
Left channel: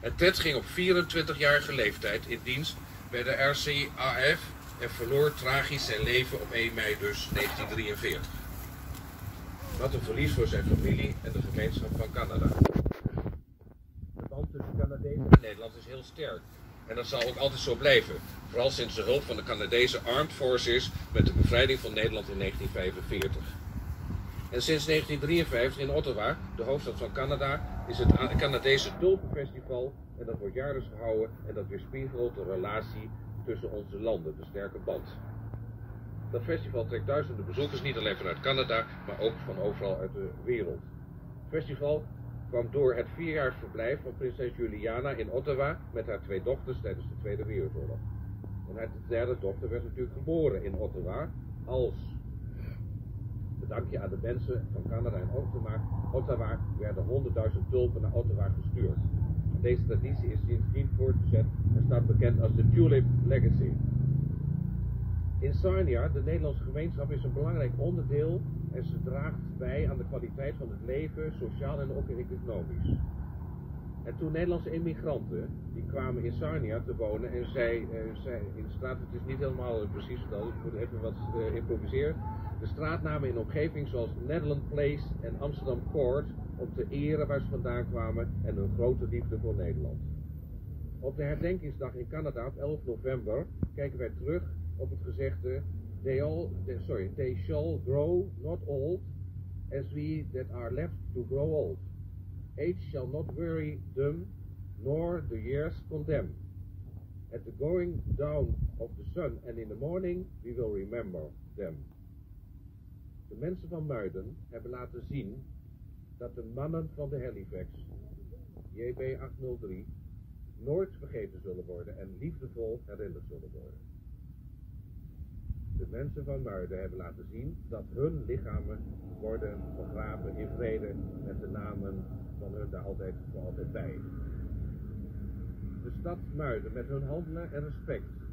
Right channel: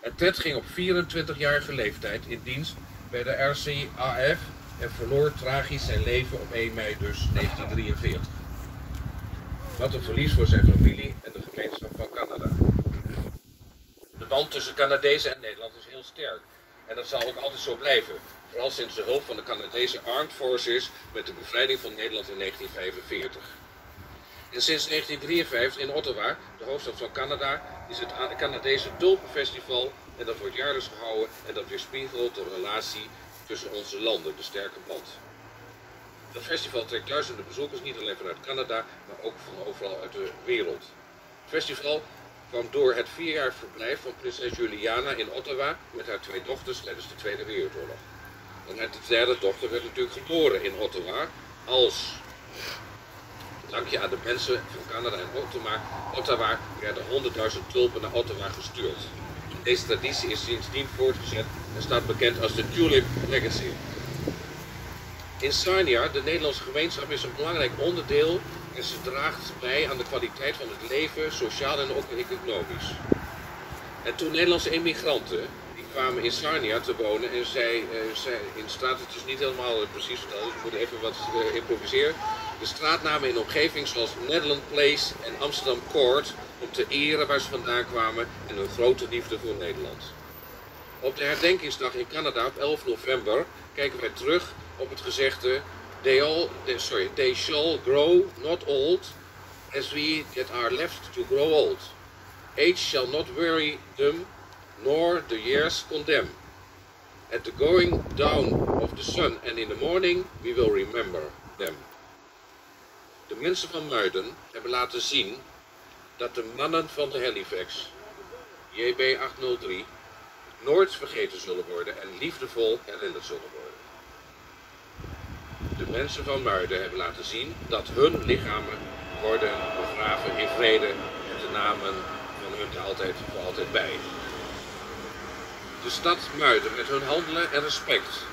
En Ted ging op 24-jarige leeftijd in dienst bij de RCAF en verloor tragisch zijn leven op 1 mei dus 1943. Wat een verlies voor zijn familie en de gemeenschap van Canada. De band tussen Canadezen en Nederland is heel sterk. En dat zal ook altijd zo blijven. Vooral sinds de hulp van de Canadese Armed Forces met de bevrijding van Nederland in 1945. En sinds 1953 in Ottawa, de hoofdstad van Canada, is het Canadese Tulpenfestival En dat wordt jaarlijks gehouden en dat weerspiegelt de relatie tussen onze landen, de sterke band. Dat festival trekt duizenden bezoekers, niet alleen vanuit Canada, maar ook van overal uit de wereld. Het festival kwam door het 4-jarig verblijf van prinses Juliana in Ottawa met haar 2 dochters tijdens de Tweede Wereldoorlog. En haar derde dochter werd natuurlijk geboren in Ottawa als dankje aan de mensen van Canada en Ottawa werden 100.000 tulpen naar Ottawa gestuurd. Deze traditie is sindsdien voortgezet en staat bekend als de Tulip Legacy. In Sarnia, de Nederlandse gemeenschap, is een belangrijk onderdeel en ze draagt bij aan de kwaliteit van het leven, sociaal en ook economisch. En toen Nederlandse emigranten, die kwamen in Sarnia te wonen en zij in de straat, het is niet helemaal precies verteld, dus ik moet even wat improviseren. De straatnamen in de omgeving zoals Netherland Place en Amsterdam Court om te eren waar ze vandaan kwamen en hun grote liefde voor Nederland. Op de herdenkingsdag in Canada op 11 november kijken wij terug op het gezegde they shall grow not old as we that are left to grow old. Age shall not weary them, nor the years condemn. At the going down of the sun and in the morning we will remember them. De mensen van Muiden hebben laten zien dat de mannen van de Halifax, JB 803, nooit vergeten zullen worden en liefdevol herinnerd zullen worden. De mensen van Muiden hebben laten zien dat hun lichamen worden begraven in vrede met de namen van hun er voor altijd bij. De stad Muiden met hun handelen en respect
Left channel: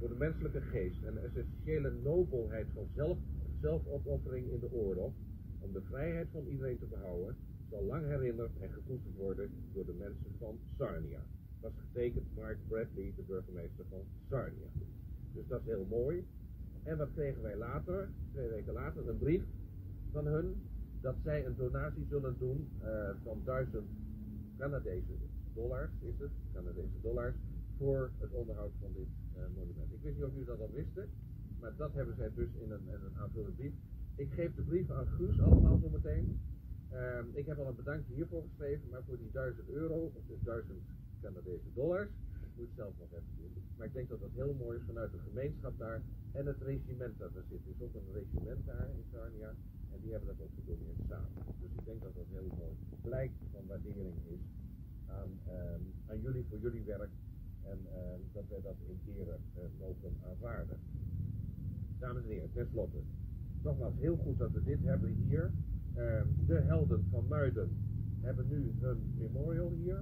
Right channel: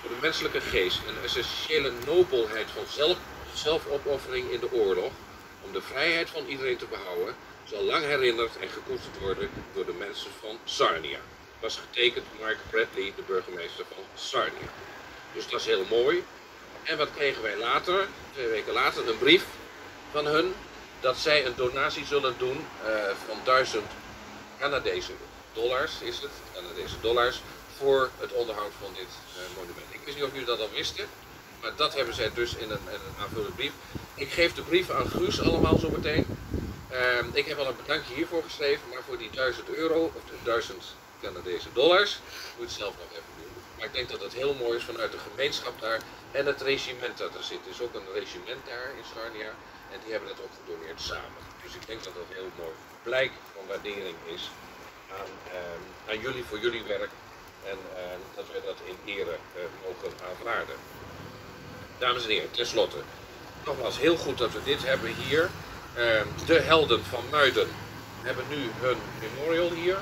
voor de menselijke geest en de essentiële nobelheid van zelfopoffering in de oorlog om de vrijheid van iedereen te behouden, zal lang herinnerd en gekoesterd worden door de mensen van Sarnia. Was getekend door Mark Bradley, de burgemeester van Sarnia. Dus dat is heel mooi. En wat kregen wij later, 2 weken later, een brief van hun dat zij een donatie zullen doen van $1000 Canadese dollars voor het onderhoud van dit monument. Ik wist niet of jullie dat al wisten, maar dat hebben zij dus in een aanvullende brief. Ik geef de brieven aan Guus allemaal zo meteen. Ik heb al een bedankje hiervoor geschreven, maar voor die €1000 of $1000 Canadese dollars moet je het zelf nog even doen. Maar ik denk dat het heel mooi is vanuit de gemeenschap daar en het regiment dat er zit. Er is ook een regiment daar in Sarnia en die hebben dat ook gedoneerd samen. Dus ik denk dat dat een heel mooi blijk van waardering is aan jullie voor jullie werk en dat we dat in ere mogen aanvaarden. Dames en heren, tenslotte, nogmaals heel goed dat we dit hebben hier. De helden van Muiden hebben nu hun memorial hier.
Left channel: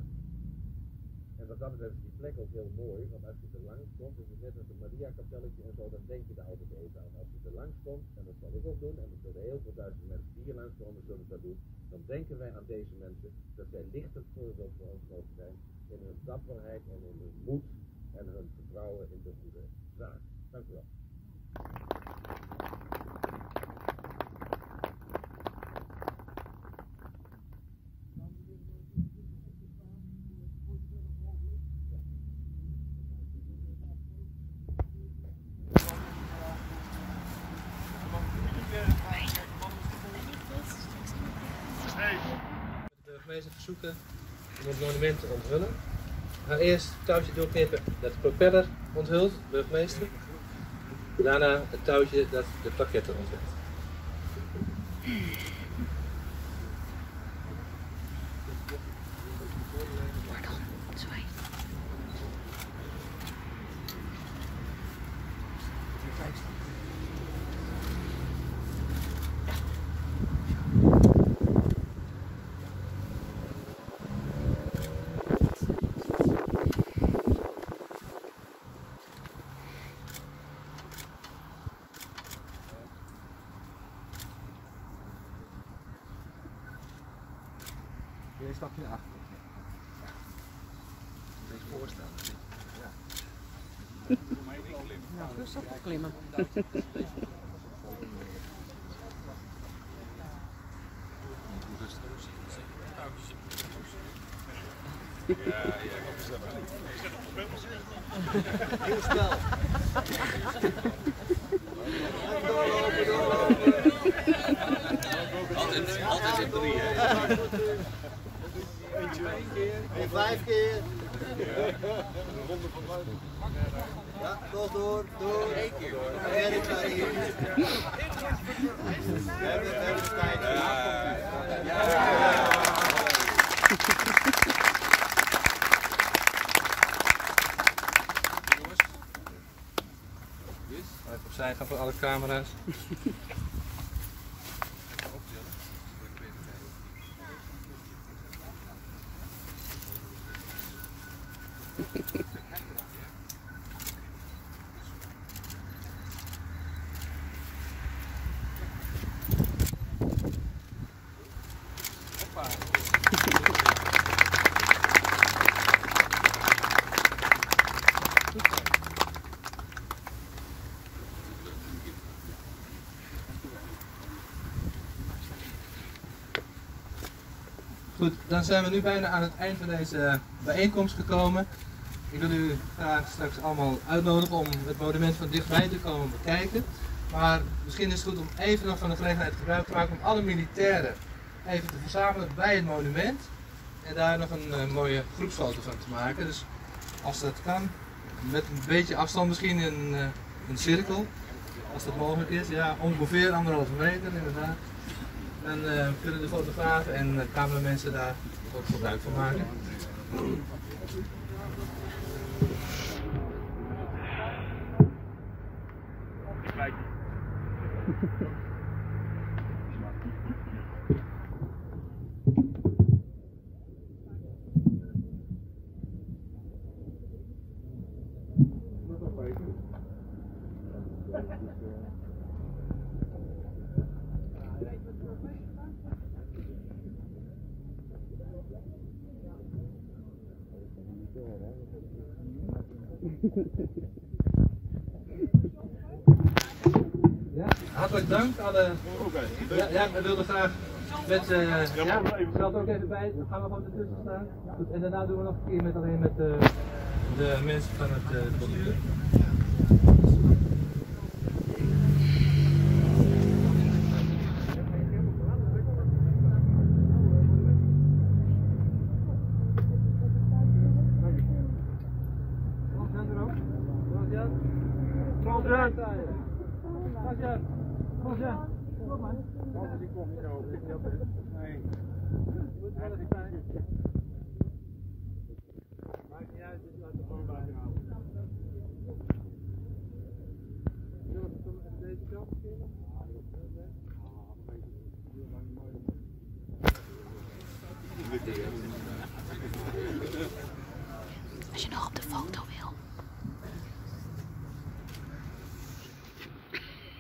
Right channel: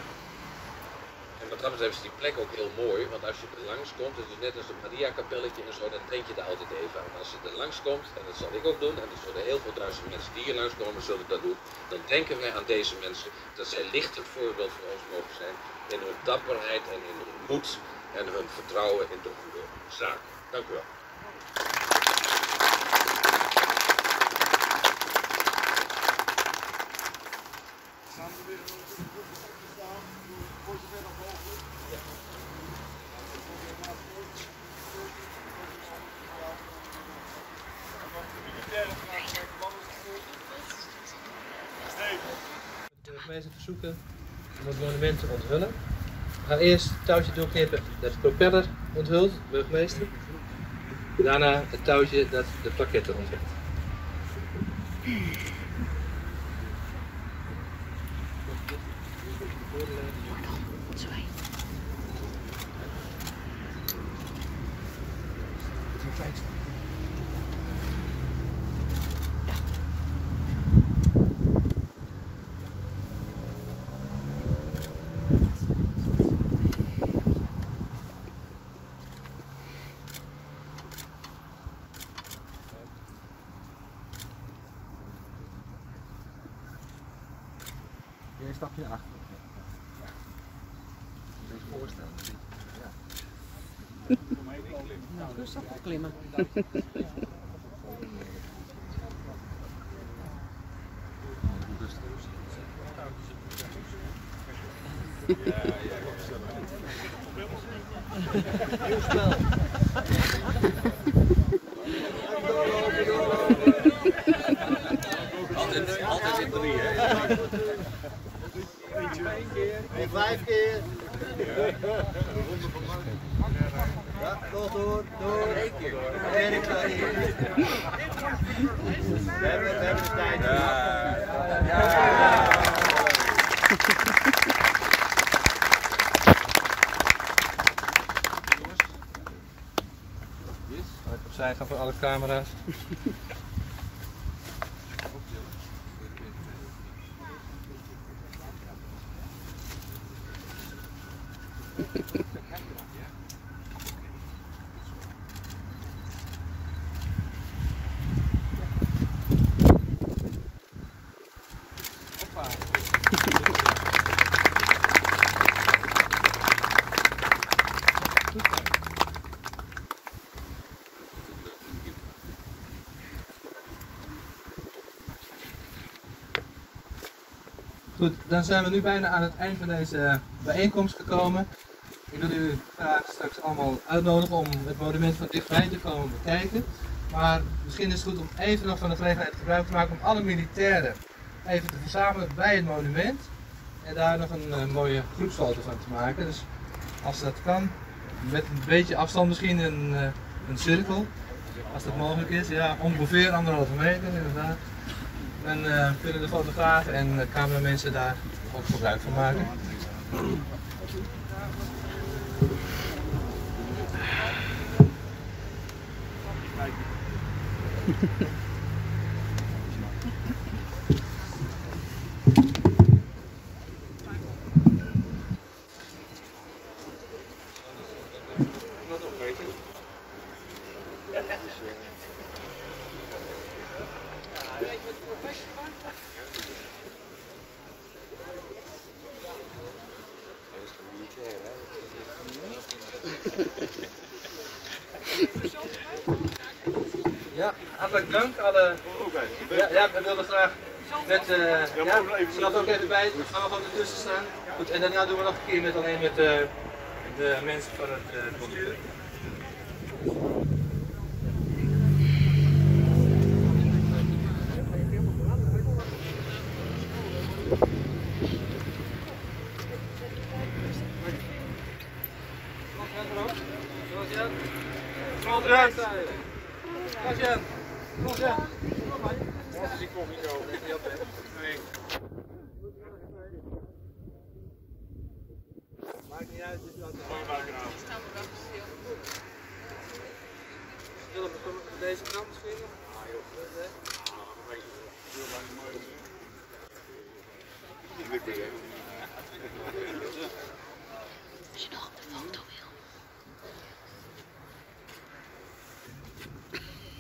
En wat dat betreft is die plek ook heel mooi, want als je er langs komt, het is net als een Maria-kapelletje en zo, dan denk je daar altijd even aan. Als je er langs komt, en dat zal ik ook doen, en er zullen heel veel duizend mensen die hier langskomen zullen dat doen, dan denken wij aan deze mensen dat zij lichtend voorbeeld voor ons mogen zijn in hun dapperheid en in hun moed en hun vertrouwen in de goede zaak. Dank u wel. De burgemeester verzoeken om het monument te onthullen. We gaan eerst het touwtje doorknippen dat de propeller onthult, burgemeester. Daarna het touwtje dat de plaquette onthult. Een stapje naar achter. Eens voorstellen. Ja. Nou, rustig klimmen. Heel snel. Altijd in 3, hè? 2 keer. 5 keer. Even opzij gaan voor alle camera's. Goed, dan zijn we nu bijna aan het eind van deze bijeenkomst gekomen. Ik wil u graag straks allemaal uitnodigen om het monument van dichtbij te komen bekijken. Maar misschien is het goed om even nog van de gelegenheid gebruik te maken om alle militairen even te verzamelen bij het monument. En daar nog een mooie groepsfoto van te maken. Dus als dat kan, met een beetje afstand misschien een cirkel. Als dat mogelijk is, ja, ongeveer 1,5 meter inderdaad. Dan kunnen de fotografen en cameramensen daar ook gebruik van maken. Ja, hartelijk dank alle. Ja, we wilden graag met. Zal het ook even bij? Gaan we gewoon ertussen staan? Goed, en daarna doen we nog een keer alleen met de mensen van het bestuur. Maakt niet uit, dit is wat Willem, deze kant misschien? Als je nog op de foto wil.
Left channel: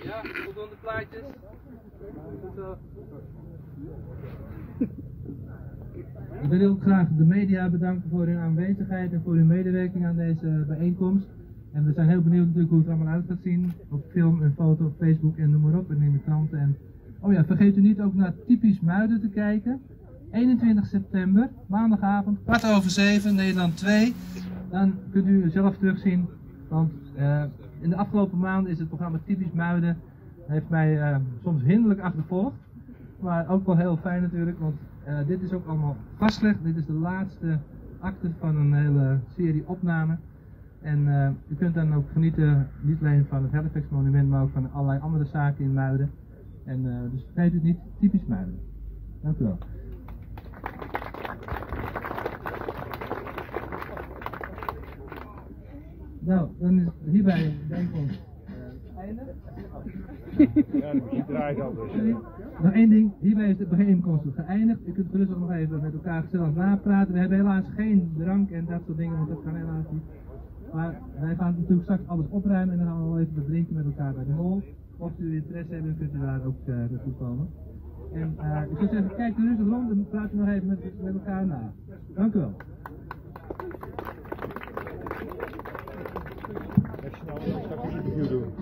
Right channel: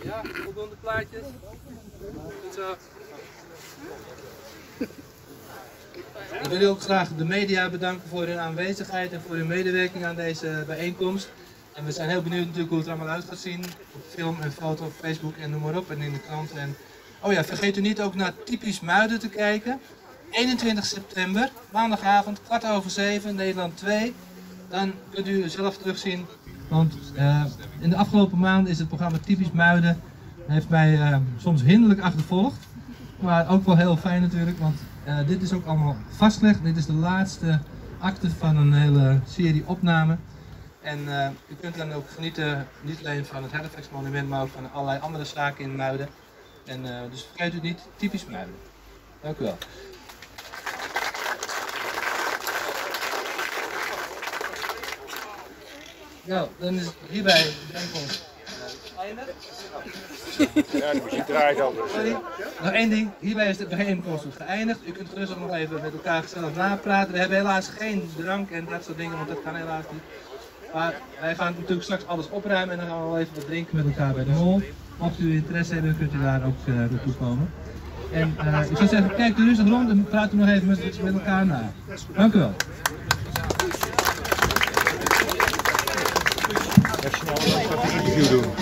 Ja, voldoende plaatjes. Goed zo. Ik wil ook graag de media bedanken voor hun aanwezigheid en voor hun medewerking aan deze bijeenkomst. En we zijn heel benieuwd natuurlijk hoe het er allemaal uit gaat zien. Op film en foto, op Facebook en noem maar op en in de kranten. En oh ja, vergeet u niet ook naar Typisch Muiden te kijken. 21 september, maandagavond, 7:15, Nederland 2. Dan kunt u zelf terugzien. Want in de afgelopen maanden is het programma Typisch Muiden heeft mij soms hinderlijk achtervolgd. Maar ook wel heel fijn natuurlijk, want dit is ook allemaal vastgelegd. Dit is de laatste acte van een hele serie opnamen. En u kunt dan ook genieten, niet alleen van het Halifax monument, maar ook van allerlei andere zaken in Muiden. En dus vergeet u het niet, Typisch Muiden. Dank u wel. Nou, dan is hierbij de bijeenkomst eindig. Ja, de muziek draait al. Sorry. Nog één ding, hierbij is de bijeenkomst geëindigd. U kunt gerust ook nog even met elkaar gezellig napraten. We hebben helaas geen drank en dat soort dingen, want dat kan helaas niet. Maar wij gaan natuurlijk straks alles opruimen en dan gaan we wel even wat drinken met elkaar bij de mol. Mocht u interesse hebben, kunt u daar ook naartoe komen. En ik zou zeggen, kijk u rustig rond en praat u nog even met elkaar na. Dank u wel. Even een interview doen.